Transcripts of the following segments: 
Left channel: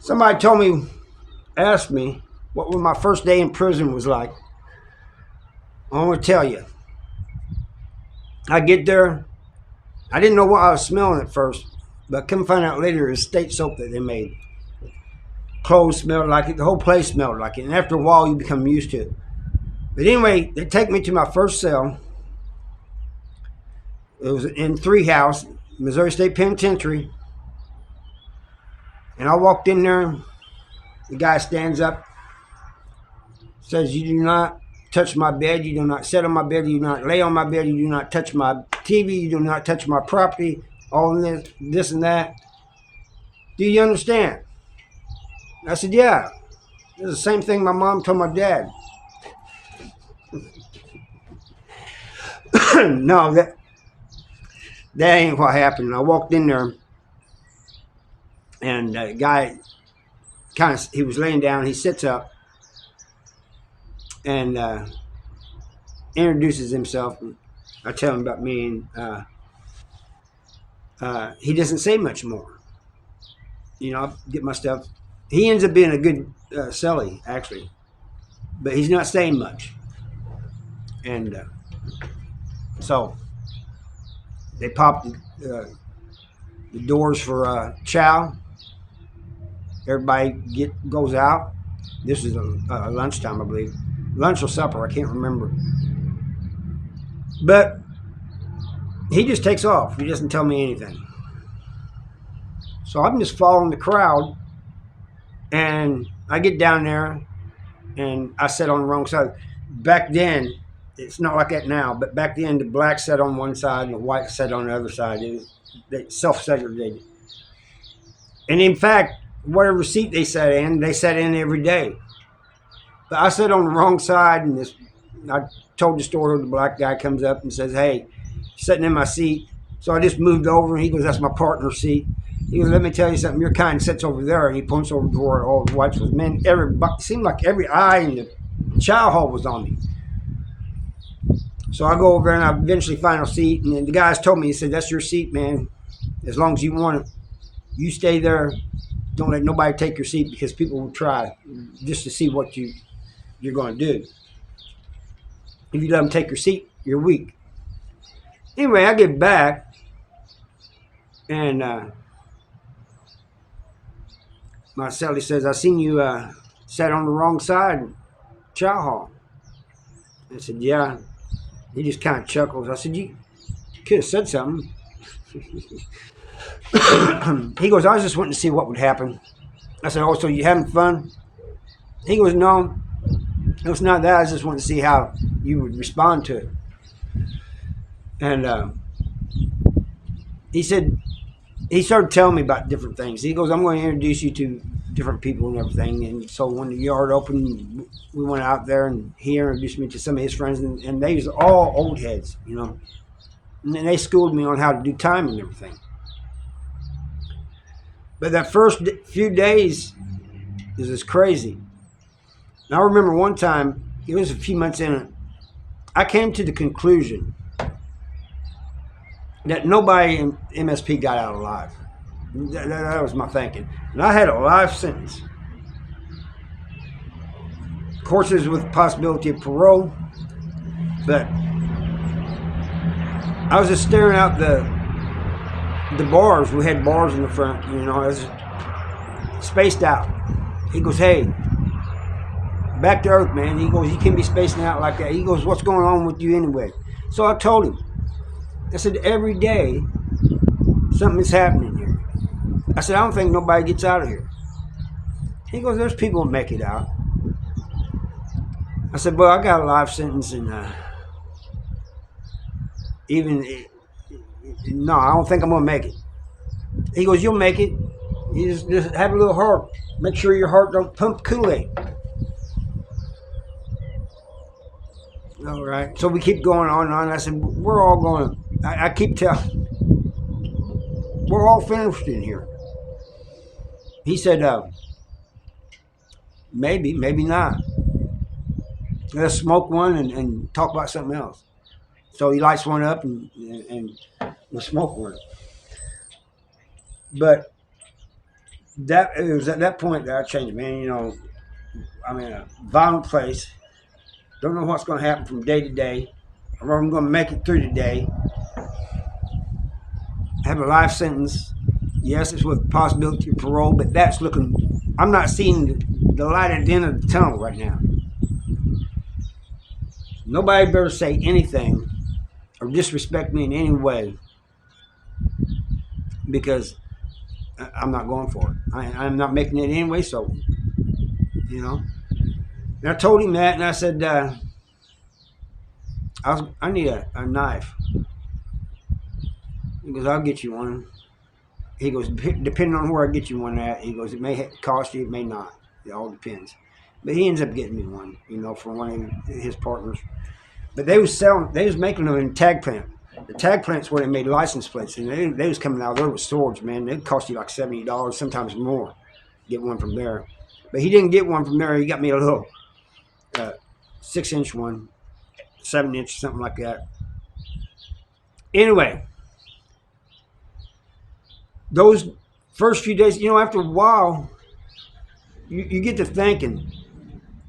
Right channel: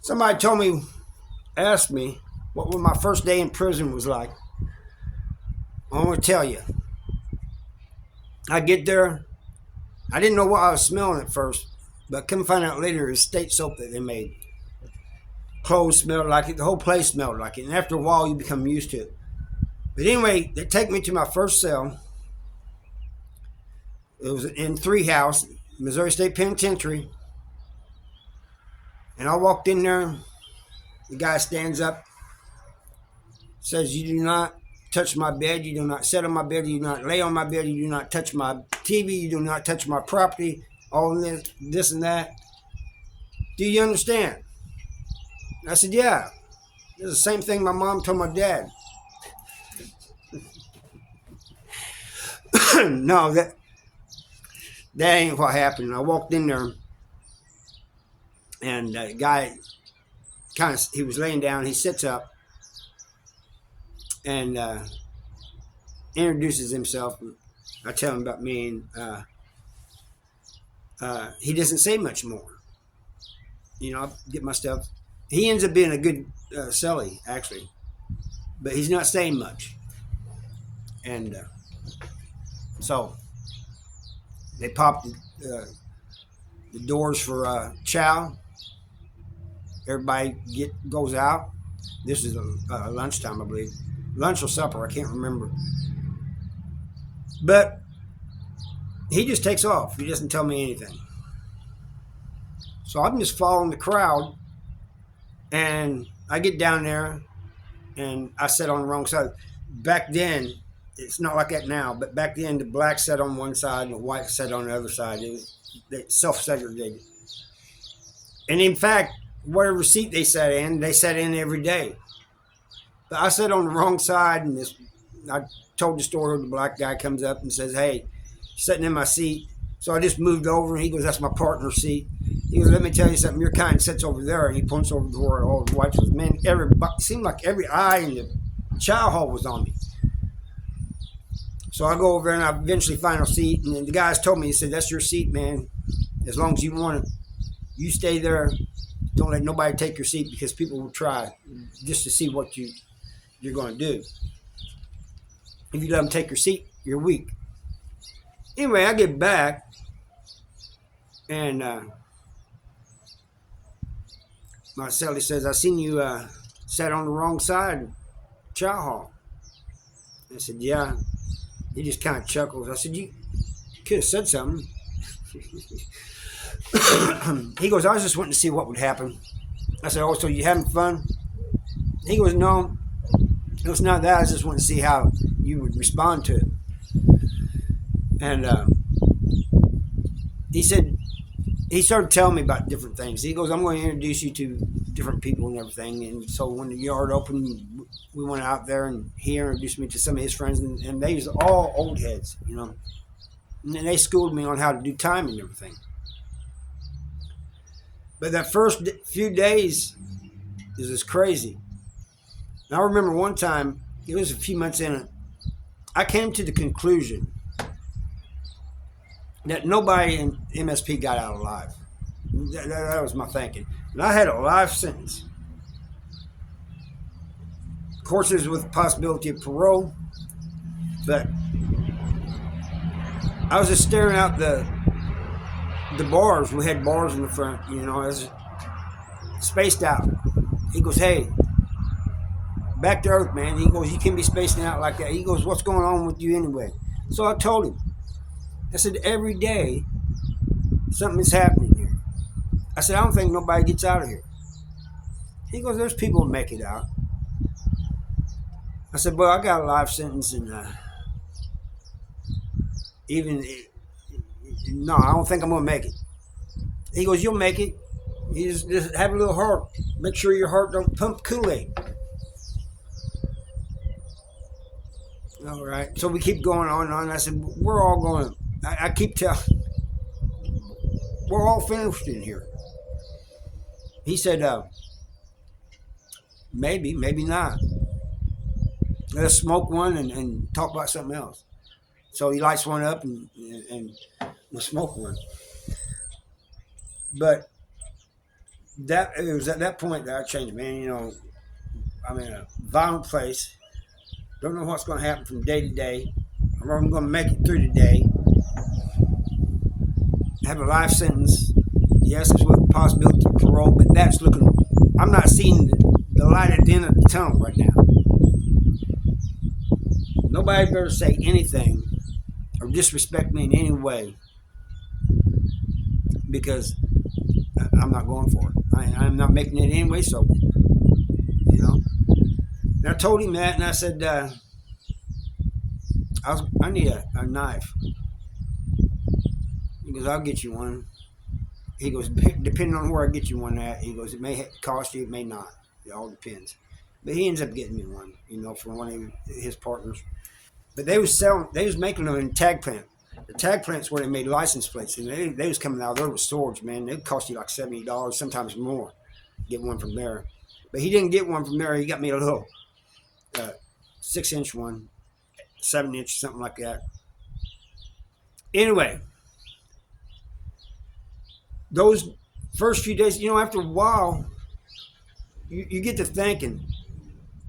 Somebody asked me what my first day in prison was like. I want to tell you. I get there. I didn't know what I was smelling at first, but come find out later it was state soap that they made. Clothes smelled like it. The whole place smelled like it. And after a while, you become used to it. But anyway, they take me to my first cell. It was in Three House, Missouri State Penitentiary. And I walked in there. The guy stands up, says, "You do not touch my bed. You do not sit on my bed. You do not lay on my bed. You do not touch my TV. You do not touch my property. All this and that. Do you understand?" I said, "Yeah. It's the same thing my mom told my dad." No, that ain't what happened. I walked in there, and the guy he was laying down. He sits up and introduces himself. I tell him about me, and he doesn't say much more. I get my stuff. He ends up being a good celly, actually, but he's not saying much. And so they popped the doors for chow. Everybody goes out. This is lunchtime, I believe. Lunch or supper, I can't remember. But he just takes off. He doesn't tell me anything. So I'm just following the crowd, and I get down there, and I sit on the wrong side. Back then, it's not like that now, but back then the black sat on one side and the white sat on the other side. They self-segregated. And in fact, whatever seat they sat in every day. But I sat on the wrong side, and I told the story. The black guy comes up and says, "Hey, sitting in my seat." So I just moved over, and he goes, "That's my partner's seat." He goes, "Let me tell you something. Your kind sits over there," and he points over to where all the whites was. Man, it seemed like every eye in the chow hall was on me. So I go over there, and I eventually find a seat, and then the guys told me, he said, "That's your seat, man. As long as you want it, you stay there. Don't let nobody take your seat, because people will try just to see what you're going to do. If you let them take your seat, you're weak." Anyway, I get back, and my cellie says, "I seen you sat on the wrong side, chow hall." I said, "Yeah." He just kind of chuckles. I said, "You could have said something." He goes, "I was just wanting to see what would happen." I said, "Oh, so you having fun?" He goes, "No, it's not that. I just wanted to see how you would respond to it." And he said, he started telling me about different things. He goes, "I'm going to introduce you to different people and everything." And so when the yard opened, we went out there, and he introduced me to some of his friends, and they was all old heads, And they schooled me on how to do time and everything. But that first few days is just crazy. And I remember one time, it was a few months in it, I came to the conclusion that nobody in MSP got out alive. That was my thinking. And I had a life sentence. Of course, it was with the possibility of parole, but I was just staring out the bars. We had bars in the front, I was spaced out. He goes, "Hey, back to earth, man." He goes, "You can't be spacing out like that." He goes, "What's going on with you anyway?" So I told him. I said, "Every day, something is happening here." I said, "I don't think nobody gets out of here." He goes, "There's people that make it out." I said, "Well, I got a life sentence, and even no, I don't think I'm gonna make it." He goes, "You'll make it. You just have a little heart. Make sure your heart don't pump Kool-Aid." All right. So we keep going on and on. I said, "We're all going. I keep telling. We're all finished in here." He said, "Maybe, maybe not. Let's smoke one and talk about something else." So he lights one up, and we'll smoke one. But that it was at that point that I changed, man. You know, I'm in a violent place. Don't know what's going to happen from day to day. Or I'm going to make it through the day. Have a life sentence. Yes, it's with possibility of parole, but that's looking. I'm not seeing the light at the end of the tunnel right now. Nobody better say anything or disrespect me in any way because I'm not going for it. I'm not making it anyway, so, you know. And I told him that, and I said, I need a knife. He goes, I'll get you one. He goes, depending on where I get you one at, he goes, it may cost you, it may not. It all depends. But he ends up getting me one, you know, from one of his partners. But they was making them in tag plant. The tag plant's where they made license plates, and they was coming out there with swords, man. They'd cost you like $70, sometimes more. Get one from there. But he didn't get one from there. He got me a little 6-inch one, 7-inch, something like that. Anyway, those first few days, you know, after a while, you get to thinking.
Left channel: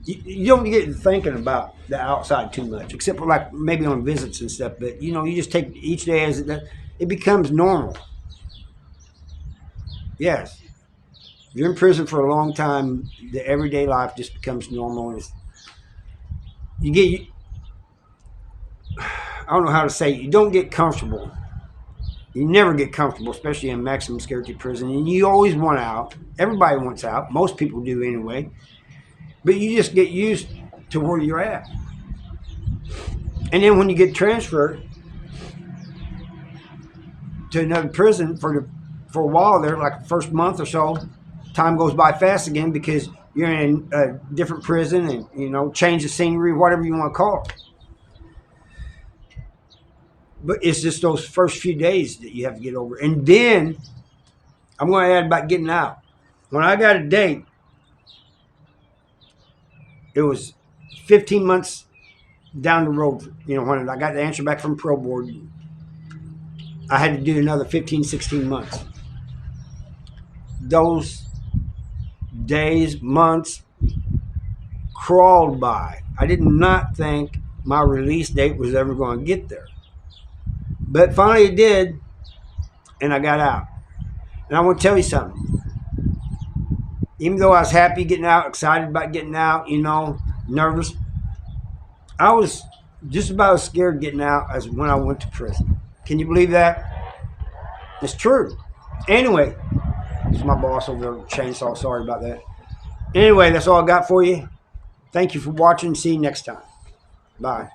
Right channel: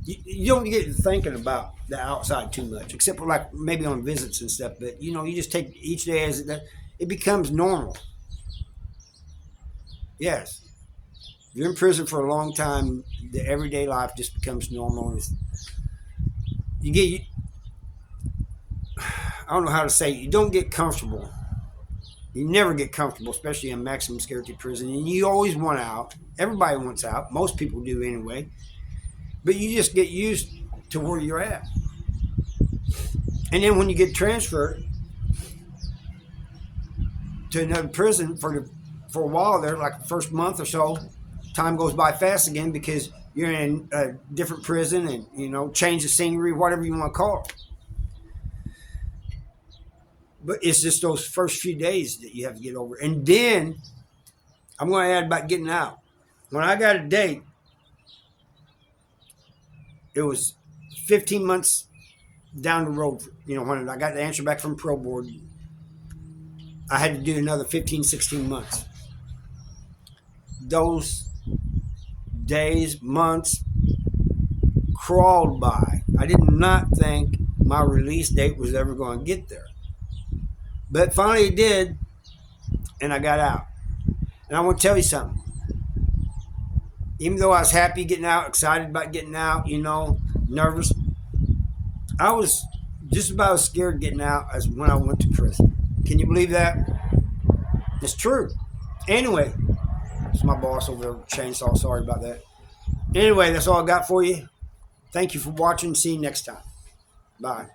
You don't get to thinking about the outside too much, except for like maybe on visits and stuff. But you know, you just take each day as it becomes normal. Yes, if you're in prison for a long time, the everyday life just becomes normal. You get, I don't know how to say it, you don't get comfortable. You never get comfortable, especially in maximum security prison, and you always want out. Everybody wants out. Most people do anyway. But you just get used to where you're at. And then when you get transferred to another prison for a while there, like the first month or so, time goes by fast again because you're in a different prison and, you know, change the scenery, whatever you want to call it. But it's just those first few days that you have to get over. And then I'm going to add about getting out. When I got a date, it was 15 months down the road. You know, when I got the answer back from Pro Board, I had to do another 15, 16 months. Those days, months crawled by. I did not think my release date was ever going to get there. But finally it did, and I got out. And I want to tell you something. Even though I was happy getting out, excited about getting out, you know, nervous, I was just about as scared getting out as when I went to prison. Can you believe that? It's true. Anyway, it's my boss over there, chainsaw. Sorry about that. Anyway, that's all I got for you. Thank you for watching. See you next time. Bye.